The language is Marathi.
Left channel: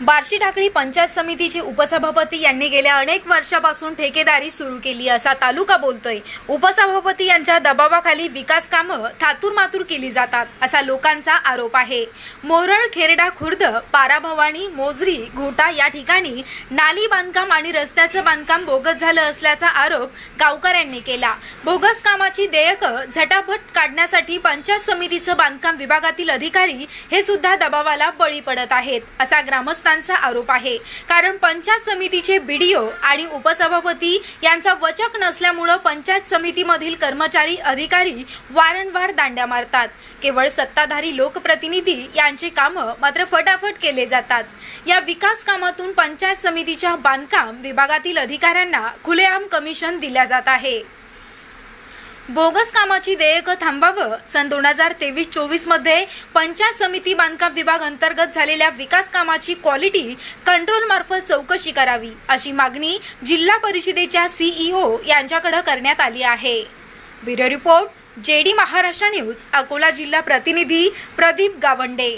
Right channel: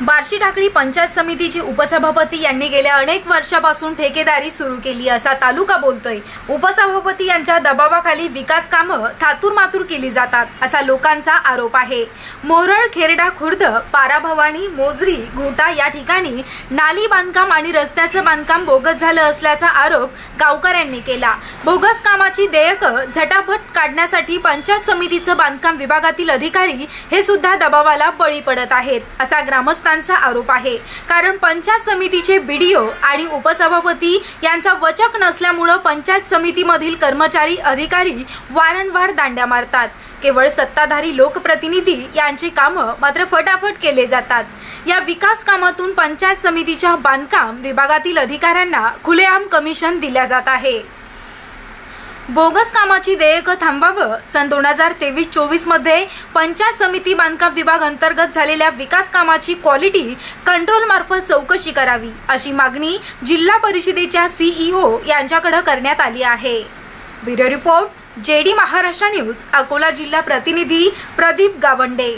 बार्शी टाकळी पंचायत समितीचे उपसभापती यांनी गेल्या अनेक वर्षापासून ठेकेदारी सुरू केली असा तालुका बोलतोय। उपसभापती यांच्या दबावाखाली विकास कामं थातूरमातूर केली जातात असा लोकांचा आरोप आहे। मोरळ, खेरडा खुर्द, पाराभवानी, मोजरी, घोटा या ठिकाणी नाली बांधकाम आणि रस्त्याचं बांधकाम बोगस झालं असल्याचा आरोप गावकऱ्यांनी केला। बोगस कामाची देयकं झटापट काढण्यासाठी पंचायत समितीचं बांधकाम विभागातील अधिकारी हे सुद्धा दबावाला बळी पडत आहेत असा ग्रामस्थांचा आरोप आहे। कारण पंचायत समितीचे बीडीओ आणि उपसभापती यांचा वचक नसल्यामुळे पंचायत समितीमधील कर्मचारी अधिकारी वारंवार दांड्या मारतात। केवळ सत्ताधारी लोकप्रतिनिधी यांचे काम मात्र फटाफट केले जातात। या विकास कामातून पंचायत समितीच्या बांधकाम विभागातील अधिकाऱ्यांना खुलेआम कमिशन दिल्या जात आहे। बोगस कामाची देयकं थांबावं, सन 2023-24 मध्ये पंचायत समिती बांधकाम विभाग अंतर्गत झालेल्या विकास कामाची क्वालिटी कंट्रोल मार्फत चौकशी करावी अशी मागणी जिल्हा परिषदेच्या सीईओ यांच्याकडे करण्यात आली आहे। Bureau report, JD Maharashtra news, Akola जिल्हा प्रतिनिधी प्रदीप गावंडे।